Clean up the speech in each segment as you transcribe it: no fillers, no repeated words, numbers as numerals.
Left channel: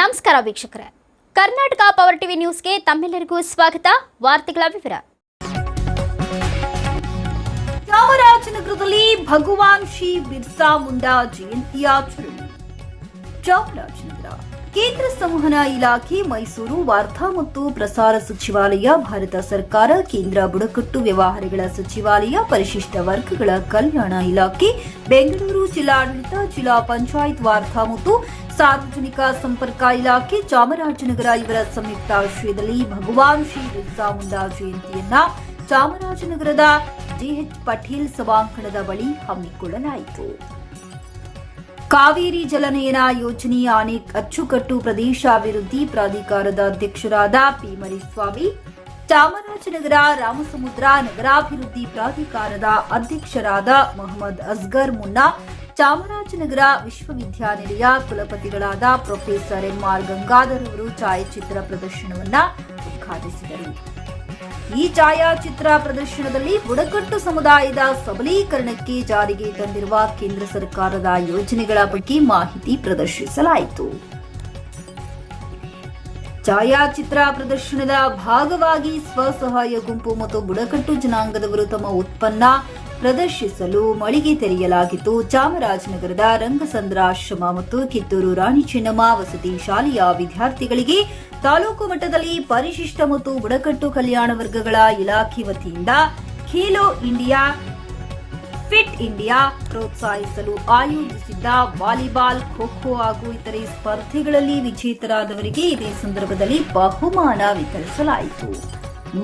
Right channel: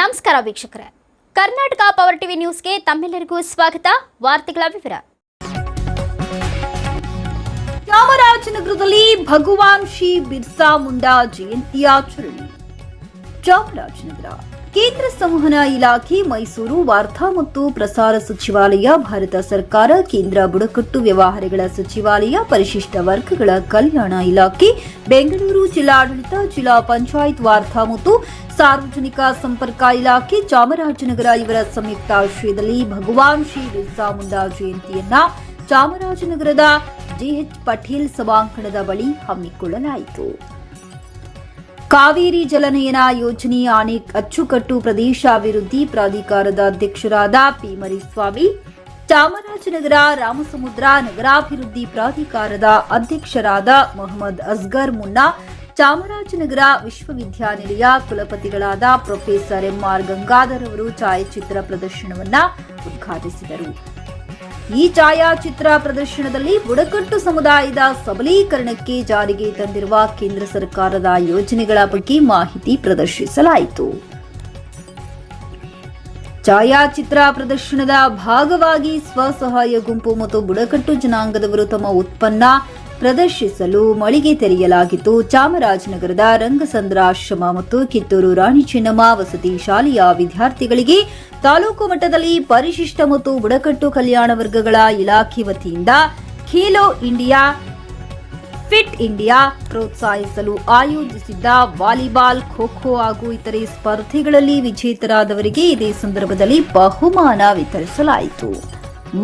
ನಮಸ್ಕಾರ ವೀಕ್ಷಕರೇ, Karnataka power TV ನ್ಯೂಸ್ಗೆ ತಮ್ಮೆಲ್ಲರಿಗೂ ಸ್ವಾಗತ. ವಾರ್ತೆಗಳ ವಿವರ. ಚಾಮರಾಜನಗರದಲ್ಲಿ ಭಗವಾನ್ ಶ್ರೀ ಬಿರ್ಸಾ ಮುಂಡಾ ಜಯಂತಿ ಆಚರಣೆ. ಚಾಮರಾಜನಗರ ಕೇಂದ್ರ ಸಂವಹನ ಇಲಾಖೆ, ಮೈಸೂರು ವಾರ್ತಾ ಮತ್ತು ಪ್ರಸಾರ ಸಚಿವಾಲಯ, ಭಾರತ ಸರ್ಕಾರ, ಕೇಂದ್ರ ಬುಡಕಟ್ಟು ವ್ಯವಹಾರಗಳ ಸಚಿವಾಲಯ, ಪರಿಶಿಷ್ಟ ವರ್ಗಗಳ ಕಲ್ಯಾಣ ಇಲಾಖೆ, ಬೆಂಗಳೂರು ಜಿಲ್ಲಾಡಳಿತ, ಜಿಲ್ಲಾ ಪಂಚಾಯತ್ ವಾರ್ತಾ ಮತ್ತು ಸಾರ್ವಜನಿಕ ಸಂಪರ್ಕ ಇಲಾಖೆ, ಚಾಮರಾಜನಗರ ಇವರ ಸಂಯುಕ್ತಾಶ್ರಯದಲ್ಲಿ ಭಗವಾನ್ ಶ್ರೀ ಬಿರ್ಸಾ ಮುಂಡಾ ಜಯಂತಿಯನ್ನ ಚಾಮರಾಜನಗರದ ಜಿಎಚ್ ಪಟೇಲ್ ಸಭಾಂಗಣದ ಬಳಿ ಹಮ್ಮಿಕೊಳ್ಳಲಾಯಿತು. ಕಾವೇರಿ ಜಲನಯನ ಯೋಜನೆ ಅಚ್ಚುಕಟ್ಟು ಪ್ರದೇಶ ಅಭಿವೃದ್ಧಿ ಪ್ರಾಧಿಕಾರದ ಅಧ್ಯಕ್ಷರಾದ ಪಿ ಮರಿಸ್ವಾಮಿ, ಚಾಮರಾಜನಗರ ರಾಮಸಮುದ್ರ ನಗರಾಭಿವೃದ್ಧಿ ಪ್ರಾಧಿಕಾರದ ಅಧ್ಯಕ್ಷರಾದ ಮೊಹಮ್ಮದ್ ಅಸ್ಗರ್ ಮುನ್ನಾ, ಚಾಮರಾಜನಗರ ವಿಶ್ವವಿದ್ಯಾನಿಲಯ ಕುಲಪತಿಗಳಾದ ಪ್ರೊಫೆಸರ್ ಎಂಆರ್ ಗಂಗಾಧರ್ ಅವರು ಛಾಯಾಚಿತ್ರ ಪ್ರದರ್ಶನವನ್ನು ಉದ್ಘಾಟಿಸಿದರು. ಈ ಛಾಯಾಚಿತ್ರ ಪ್ರದರ್ಶನದಲ್ಲಿ ಬುಡಕಟ್ಟು ಸಮುದಾಯದ ಸಬಲೀಕರಣಕ್ಕೆ ಜಾರಿಗೆ ತಂದಿರುವ ಕೇಂದ್ರ ಸರ್ಕಾರದ ಯೋಜನೆಗಳ ಬಗ್ಗೆ ಮಾಹಿತಿ ಪ್ರದರ್ಶಿಸಲಾಯಿತು. ಛಾಯಾಚಿತ್ರ ಪ್ರದರ್ಶನದ ಭಾಗವಾಗಿ ಸ್ವಸಹಾಯ ಗುಂಪು ಮತ್ತು ಬುಡಕಟ್ಟು ಜನಾಂಗದವರು ತಮ್ಮ ಉತ್ಪನ್ನ ಪ್ರದರ್ಶಿಸಲು ಮಳಿಗೆ ತೆರೆಯಲಾಗಿತ್ತು. ಚಾಮರಾಜನಗರದ ರಂಗಸಂದ್ರಾಶ್ರಮ ಮತ್ತು ಕಿತ್ತೂರು ರಾಣಿ ಚೆನ್ನಮ್ಮ ವಸತಿ ಶಾಲೆಯ ವಿದ್ಯಾರ್ಥಿಗಳಿಗೆ ತಾಲೂಕು ಮಟ್ಟದಲ್ಲಿ ಪರಿಶಿಷ್ಟ ಮತ್ತು ಬುಡಕಟ್ಟು ಕಲ್ಯಾಣ ವರ್ಗಗಳ ಇಲಾಖೆ ವತಿಯಿಂದ ಖೇಲೋ ಇಂಡಿಯಾ, ಫಿಟ್ ಇಂಡಿಯಾ ಪ್ರೋತ್ಸಾಹಿಸಲು ಆಯೋಜಿಸಿದ್ದ ವಾಲಿಬಾಲ್, ಖೋ-ಖೋ ಹಾಗೂ ಇತರೆ ಸ್ಪರ್ಧೆಗಳಲ್ಲಿ ವಿಜೇತರಾದವರಿಗೆ ಇದೇ ಸಂದರ್ಭದಲ್ಲಿ ಬಹುಮಾನ ವಿತರಿಸಲಾಯಿತು.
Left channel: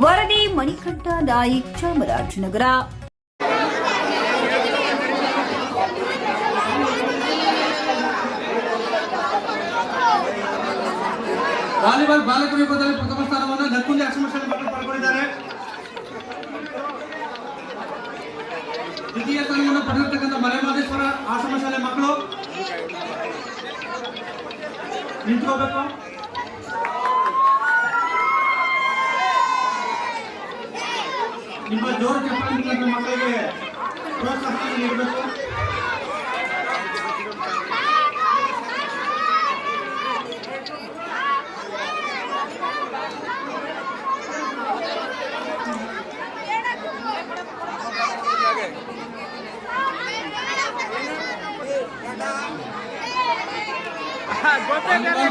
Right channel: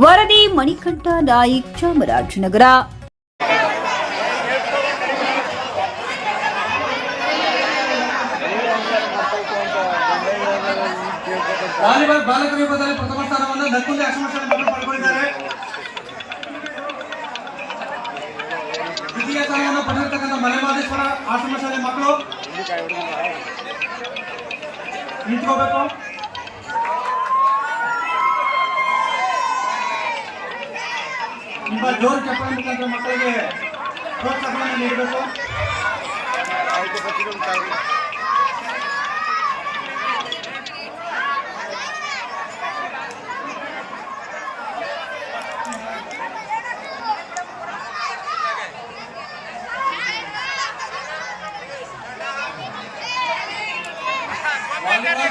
ವರದಿ ಮಣಿಕಂಠ ನಾಯ್ಕ್, ಚಾಮರಾಜನಗರ. ವಾಲಿಬಾಲ್ ಬಾಲಕರ ವಿಭಾಗದಲ್ಲಿ ಪ್ರಥಮ ಸ್ಥಾನವನ್ನು ನಕ್ಕುಂದಿ ಆಶ್ರಮಶಾಲೆ ಮಕ್ಕಳು ಪಡೆದುಕೊಂಡಿದ್ದಾರೆ. ದ್ವಿತೀಯ ಸ್ಥಾನವನ್ನು ಪಡೆದಿರತಕ್ಕಂಥ ಮಲೆಮಹದೇಶ್ವರ ಆಶ್ರಮಶಾಲೆ ಮಕ್ಕಳು ನಿಂತ್ಕೋಬೇಕು. ನಿಮ್ಮ ಜೋರು ಚಪ್ಪಾಳೆ ಮಕ್ಕಳಿಗೆ ಪ್ರೋತ್ಸಾಹವನ್ನು ನೀಡಬೇಕು.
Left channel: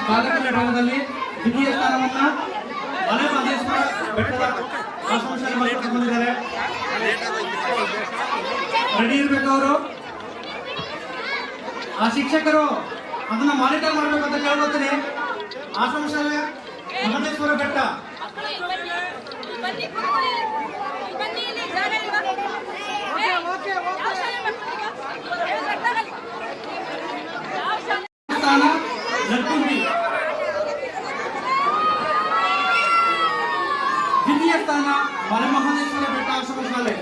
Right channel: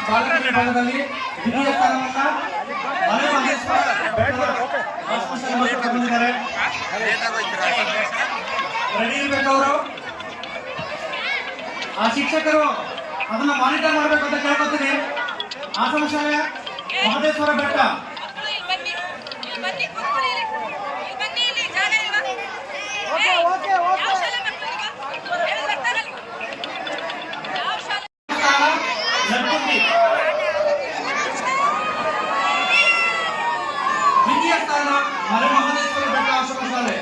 ಬಾಲಕರ ವಿಭಾಗದಲ್ಲಿ ದ್ವಿತೀಯ ಸ್ಥಾನವನ್ನ ಮಲೆಮಹದೇಶ್ವರ ಆಶ್ರಮಶಾಲೆ ಮಕ್ಕಳು ಪಡೆದಿದ್ದಾರೆ. ರೆಡಿ ಇರಬೇಕು ಅವರು. ಆ ಶಿಕ್ಷಕರು ಅದನ್ನ ಮಾನಿಟರ್ ಮಾಡಬೇಕು ಅಂತ ಕೇಳ್ಕೊತೀನಿ. ಆಶ್ರಮಶಾಲೆ ಮಹದೇಶ್ವರ ಬೆಟ್ಟ ದ್ವಿತೀಯ ಸ್ಥಾನ ಮಲೆಮಹದೇಶ್ವರ ಬೆಟ್ಟ ಆಶ್ರಮಶಾಲೆ.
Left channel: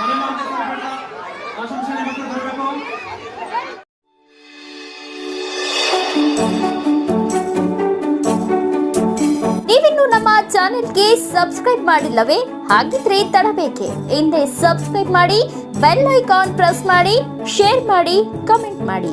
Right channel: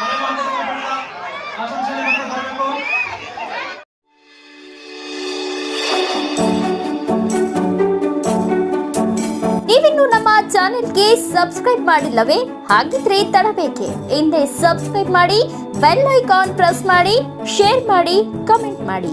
ಮಲೆಮಹದೇಶ್ವರ ಬೆಟ್ಟ ಆಶ್ರಮಶಾಲೆ ಮಕ್ಕಳು ಬರಬೇಕು. ನೀವಿನ್ನು ನಮ್ಮ ಚಾನೆಲ್ಗೆ ಸಬ್ಸ್ಕ್ರೈಬ್ ಮಾಡಿಲ್ಲವೇ? ಹಾಗಿದ್ರೆ ತಡಬೇಕೆ? ಹಿಂದೆ ಸಬ್ಸ್ಕ್ರೈಬ್ ಮಾಡಿ, ಬೆಲ್ ಐಕಾನ್ ಪ್ರೆಸ್ ಮಾಡಿ, ಶೇರ್ ಮಾಡಿ, ಕಮೆಂಟ್ ಮಾಡಿ.